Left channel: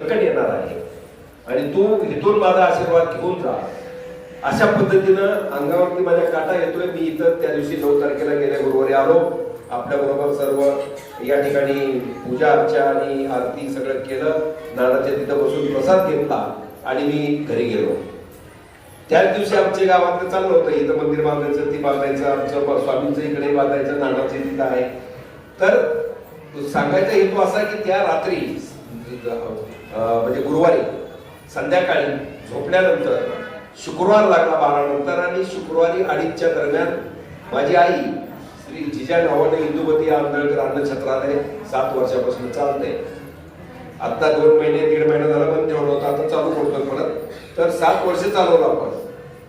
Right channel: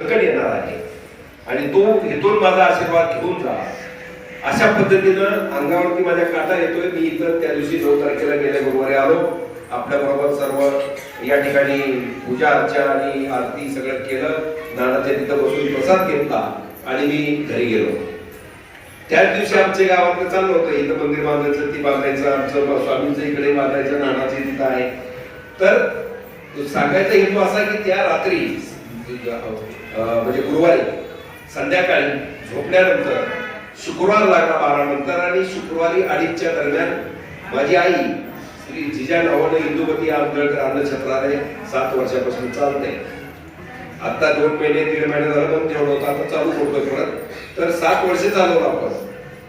संकट येणार आहे. आणि तो इथून माझा आशीर्वाद घेऊन जा. अशा पद्धतीनं अंगावरती माझ्या काटा येतोय. मी इथं त्या दिवशी नऊ तारखेला गेल्या गुरुवारी आलो. आपल्या बरोबर सर्व या ठिकाणी पूजा अर्चा आणि आरती सगळं केलं. नानाच्या तिथं बसून प्रसाद घेतला आणि मी घरी गेलो. त्याच दिवशी आमच्या गावात चाललं होतं. इथं मंदिर बांधायचं ती बांधायचं आमचं स्वामींचं इकडे बांधायचं नानाचं तिथं आहे. तर सांगायचा हेतू असा की त्या रात्री हो. म्हणजे गुरुवारी संध्याकाळी झोपल्यानंतर शुक्रवार लागला बारा नंतर आणि शुक्रवारी अडीचच्या दरम्यान माझी आई श्री जिजा नावाने इंदुमती आंबेडकर अन्न छत्रालय सात वर्षापासून चालते. आता दोन महिने दीड महिने झालं बंद ठेवलं होतं आता चालू करतोय परत तर सात वर्ष चालवलं आपण.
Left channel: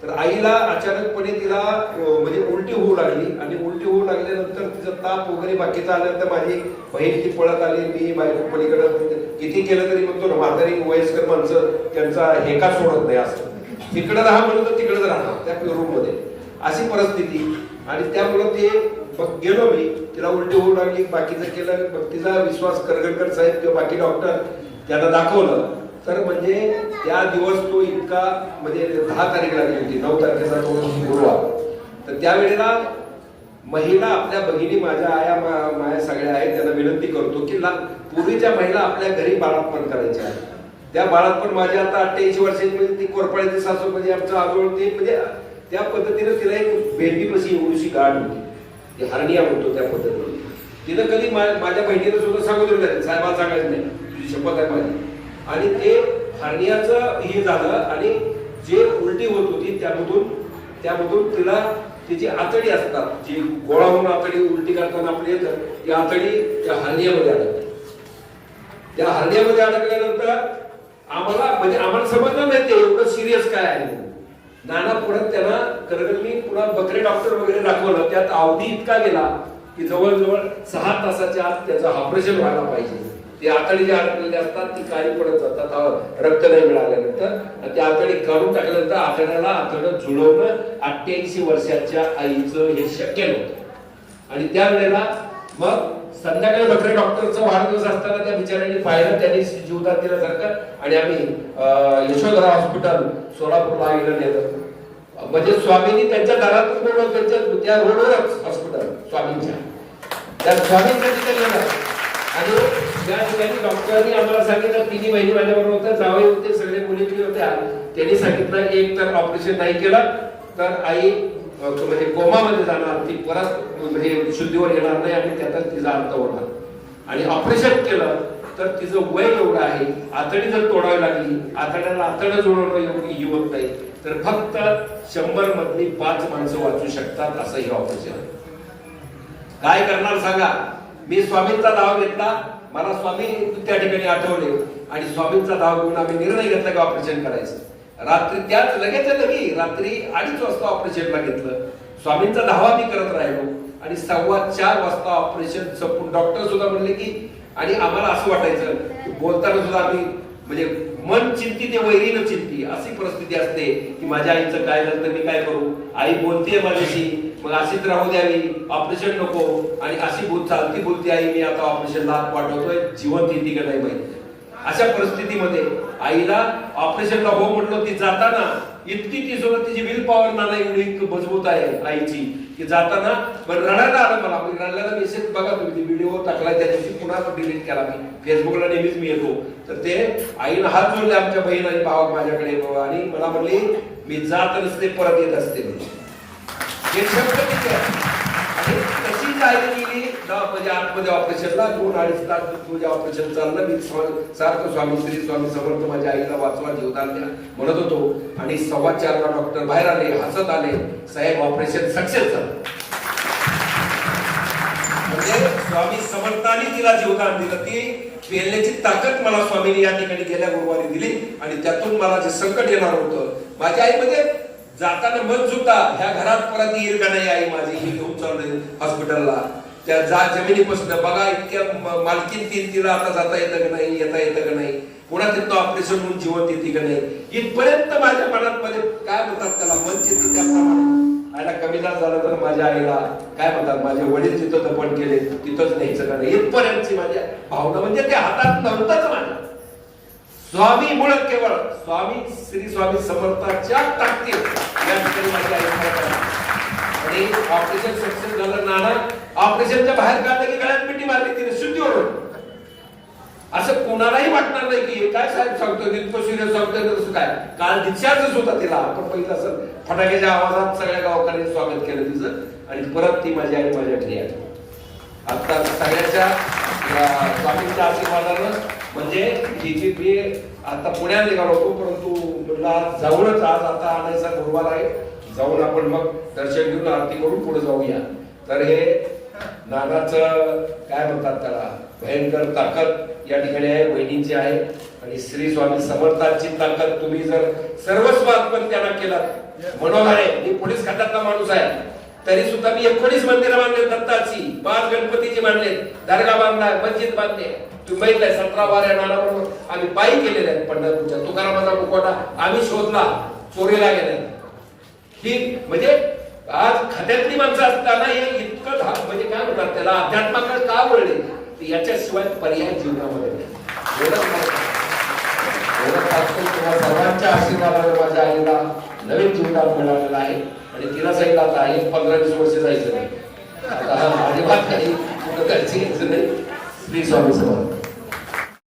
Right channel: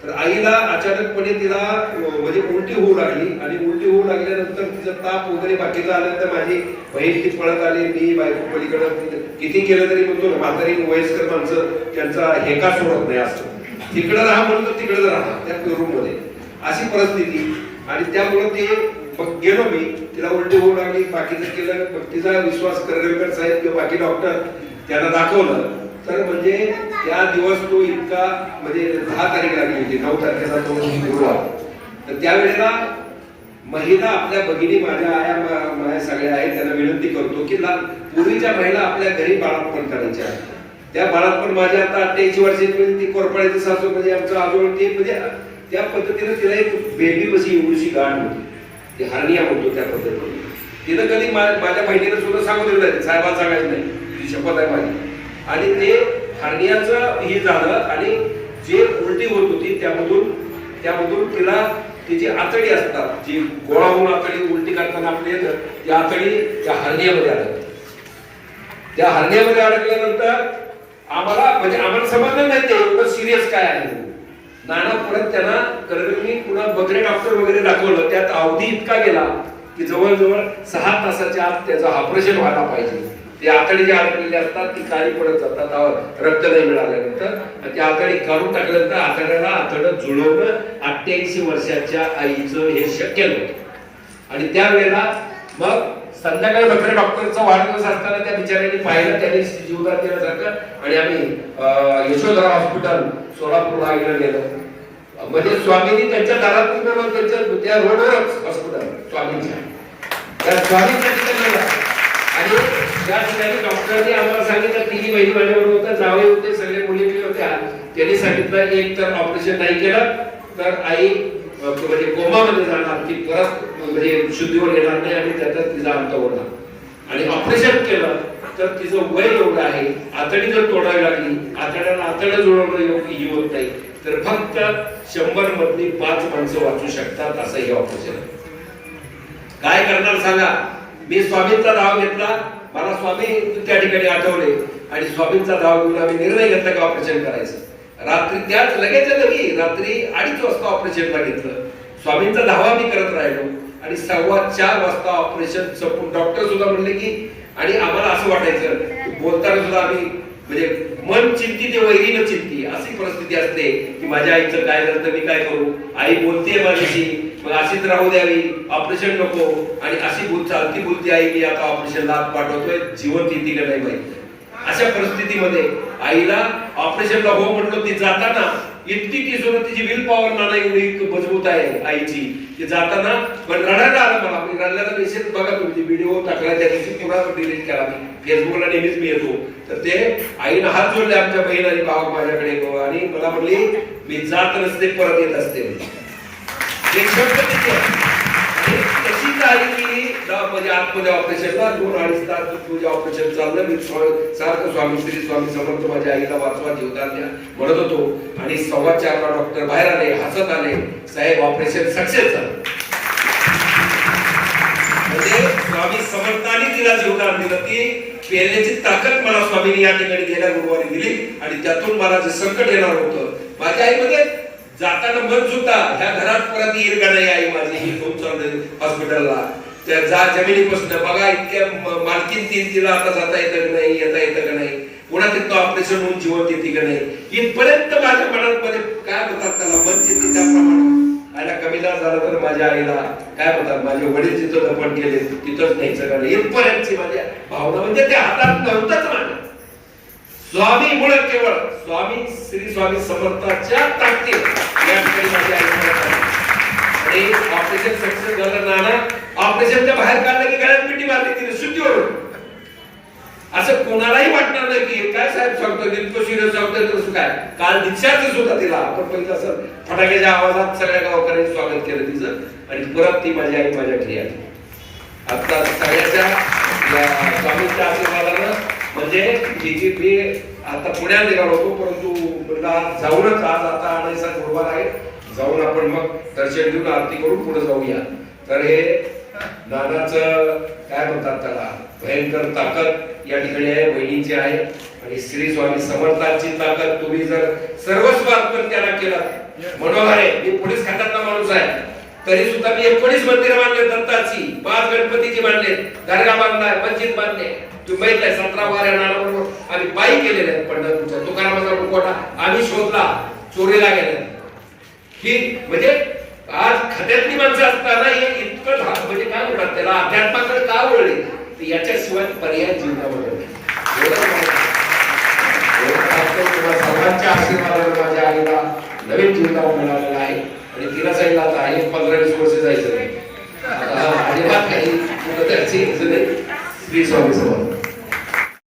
तर आईला अचानकपणे तिला म्हणजे उलटी होऊ लागली आणि उलटी होऊ लागल्यानंतर तिचा ताप वगैरे बाकीचं आल्यानंतर माझी बहीण ती पळत आली. मी बायको पलीकडे किती केलं तरी म्हणतो ना म्हातारी वयस्कर माणसं त्यांचा हेका सोडत नाही असं. तिकडं राहा म्हणतो तर तिकडं राहा त्या रूममध्ये अशी परिस्थिती. आणि त्यामुळं ते मग गेलो मी. तिला उलटी होऊ लागली. बाकीचं केलं. मग तिचा विश्वास करगडकर साहेब किंवा बाकी डॉक्टर त्यांना दाखवलं. तर म्हणजे त्या दिवस तो इतका म्हणजे दहा तारीख लागली होती. नऊ तारखेला तो गुरुवार तर त्यावेळेला महिला आपल्या भगिनी माझ्या आया सगळ्या आहेत त्यांना विनंती करतो की ला- पूर्वीच्या महिला आपल्या घरी बाळापण करायच्या. त्या बाळापण माझ्या आता अठ्ठ्याऐंशी वर्षापर्यंत ती कोरपाळीचं सासू म्हणजे आमचं आजोळ ते म्हणजे त्या पद्धतीनं तिला एक बेबी बशी एवढीशी गाण होती. ती हरनिया म्हणतो त्या पद्धतीने. तिनं कधी माझ्या बहिणीला सुद्धा सांगून दिलं साहेबा सांगायचं नाही. तुझी शपथ आहे माझी. आणि ते हरनियाचं हे झालं आणि जे उलटी होत होती त्यामधून त्यामधून तिला तिची आतडी असतात जी गोळा होऊन आतडी उलटी करताना आपली येतं ती आतडी त्या हरण्यामध्ये अडकते. त्या हरण्यामध्ये अडकल्यानंतर आम्हाला म्हणजे आम्हाला समजलं नाही ते एवढं सिरियस काय आहे. नाना परत त्यांना करगरनी पुन्हा बकरे डॉक्टर वगैरे दाखवलं त्यात अवधी इतका गेला की जवळजवळ सहा तासाच्या आत त्याचं ऑपरेशन व्हायला पाहिजे. ते आतडी जे अडकलेले असतात ती काळी पडत जातात. रक्त नाही मिळाल्यानंतर. ते आतडी काढून टाकल्यानंतर आतड्याला आतडं जुळवणं अठ्ठ्याऐंशी वर्षाच्या आईचं हे शक्य नव्हतं. आणि त्यावेळेला मग संध्याकाळी बकरे डॉक्टरचा वाढदिवस असताना त्या बिचाऱ्यांनी पाहिलं त्याने जीवदान दिल्यासारखं आणि आम्ही यशोधरा हॉस्पिटल सोलापूरला आईला गेलो म्हणजे स्वामींनी त्यांच्या दारातून त्यांच्या त्या रोडवरच हॉस्पिटल स्वामींच्या. त्या स्वामींसाठी त्यांना आणि या ठिकाणी डॉक्टरांनी आम्हाला सांगितलं तिन्ही बहिणी माझ्याबरोबर होत्या जावे होते सगळे मुली होत्या. त्यांनी सांगितलं एक तर ऑपरेशन नाही केलं तर आई म्हणजे कोमामध्ये जाणार ती परत म्हणजे शुद्धीवर येणार नाही आणि त्यातच तिचा अंत होणार. आणि ऑपरेशन केलं तर तिचं वय एवढं आहे आतडी जर तोडावी लागली आतड्याला आतडं जोडवणं योग्य होत नाही. तर फक्त शंभर मधली पाच माणसं वाचू शकतात असं हे ऑपरेशन. काय करणार सांगा? मी स्वामींचा धाव घेतला. मला स्वामी त्या ठिकाणी आठवले. आणि स्वामींचा धाव घेऊन आम्ही निर्णय घेतला का ऑपरेशन करायचं. रात्री त्याच लगेच लगी रात्री अडीच वाजता ऑपरेशनला घेतलं स्वामींचा धावा मी करत राहिलो. आणि सव्वा चार वाजता ऑपरेशन संपून डॉक्टर सुद्धा म्हणले की आणि आम्हाला असं वाटायचं बोलताना सुद्धा आम्ही म्हणजे मन चिंती ते वैरीनं चिंती अशी परिस्थिती असते की माझ्या आईचं काय झालं तर मी काय करू? आई बोलते माझ्याशी मग अशीच राहू द्यावी. ऑपरेशन नको. आणि अशी भूत चालती भूलती आई मी आता ऑपरेशनला पाठवतोय. जिवंत येते का नाही माहिती. अशा परिस्थितीमध्ये आईला ऑपरेशनला हो म्हणलो ती जाताना इतकी ती सुद्धा तिची विल पॉवर नाना एवढी मजबूत आहे आईची. की जाताना पण रडायला आलं मला. मी रडल्याचा मेसेज बघा तुम्ही. व्हिडिओ टाकला त्या दिवशी पुन्हा डिलीट केला मी? फेसबुकला नेहमीच मी येतो. तर ते आईनं हात जोडले आमच्या बहीण आणि भावा माझ्याकडे. आणि मला म्हणली मी जात नसते परत येत असते. हे शब्द तिथे म्हणजे आतमध्ये ऑपरेशनला दोन अडीच तास तुझे ऑपरेशन चाललं मी सारखं स्वामी श्री स्वामी समर्थ माझ्या आईला वाचवा जीवदान द्या म्हणत होतो आणि सव्वा चारला डॉक्टर बाहेर आले हसत आले साहेब ऑपरेशन सक्सेस झालं म्हणजे स्वामी समर्थाने तिला जीवदान दिलं ती पेरण्याची ताकद मला स्वामीने या ठिकाणी गेल्या गुरुवारी दिली आणि त्यातून मला जे संकट येणार होतं माझ्या आईमध्ये जाताना मन सुद्धा ह्या घरात परत येईल का नाही आई माझी? ही घेऊन चालले हॉस्पिटलला त्या जा जमिनीपासून बघा इतक्या मालकीन तीन तिला आता जाता येतं का नाही येता येतं का नाही? पुन्हा तिथं ऑपरेशन होऊन जीवन येते का नाही? इथपर्यंत माझ्या मनात मध्ये काय म्हणतात त्याला? मन चिंती त्याप्रमाणे. आईला कमी झाला तर माझ्या आईला काय म्हणतात माझे वडील जिथं दफन केले तिथंच न्यायचं का नाही? इथपर्यंतची माझ्या भावना म्हणजे त्या हातात नव्हताच माझ्या. स्वामी मुळ केवळ स्वामी श्री स्वामी समर्थाच्या ताकदीत या ठिकाणी माझी आई आणि ऑपरेशन सक्सेस झालं नाना ऑपरेशनच्या बाहेर काढलं की गळ्यात मिठी मारली तिने सुट्टीवरून. असं कोणालाही वाटणार नाही की काय साहेब सांगतो इतकं सिरियस सांगतोय तसं काय? काल दीक्षाच होता तिला आपण पहिलं असं फटाक्याच्या आवाजात सगळ्या गावकऱ्यांनी स्वागत केलं तिचं. आणि परत ती माझी आई माझ्या घरी आली. आता सगळ्याच्या स्वामींच्या आशीर्वादानं म्हणजे तिची मी आता पुण्यात निघालो होतो परंतु आज जाऊनच आज आता आणायचा गुरुवार आहे. जाऊन आपण मग दर्शन घेऊन आरती करून पुढे जाऊया. तर हे नानाचं काय म्हणतात त्याला? भयंकर ताकद या ठिकाणी आहे वहिनीची आहे. आणि श्री स्वामी समर्थांची ताकद तुम्ही जर सर्वस्व अर्पण त्याला केलं मनोहर आहे मी पोलीस खात्यातला माणूस आहे. तरी सुद्धा मी एकोणीस मंदिरं बांधले दत्ताची पाच गणपतीची बांधले दर्गा बांधलाय मस्जिद बांधले. तुम्ही माहीत सतरा बारा नानाबरोबर आम्ही पायी केलेले आहेत पंढरपूरच्या. तुकारामाचा मुखवटा आम्ही शोधला चोरीला गेला ही म्हणजे आज खात्यातली माणसं असताना हे इतकं म्हणजे काय म्हणतात त्याला? अध्यात्माकडे का वळले? याच्याशिवाय पर्याय जीवनामध्ये सर्वांच्या आशीर्वादावर माझ्या आईला नवीन जीवनात मिळालेला आहे आणि तिला सांगितलं आता आहे पंधरा वीस वर्ष जायचं नाही. अजिबात काही कुठं जायचं? श्री स्वामी समर्थ.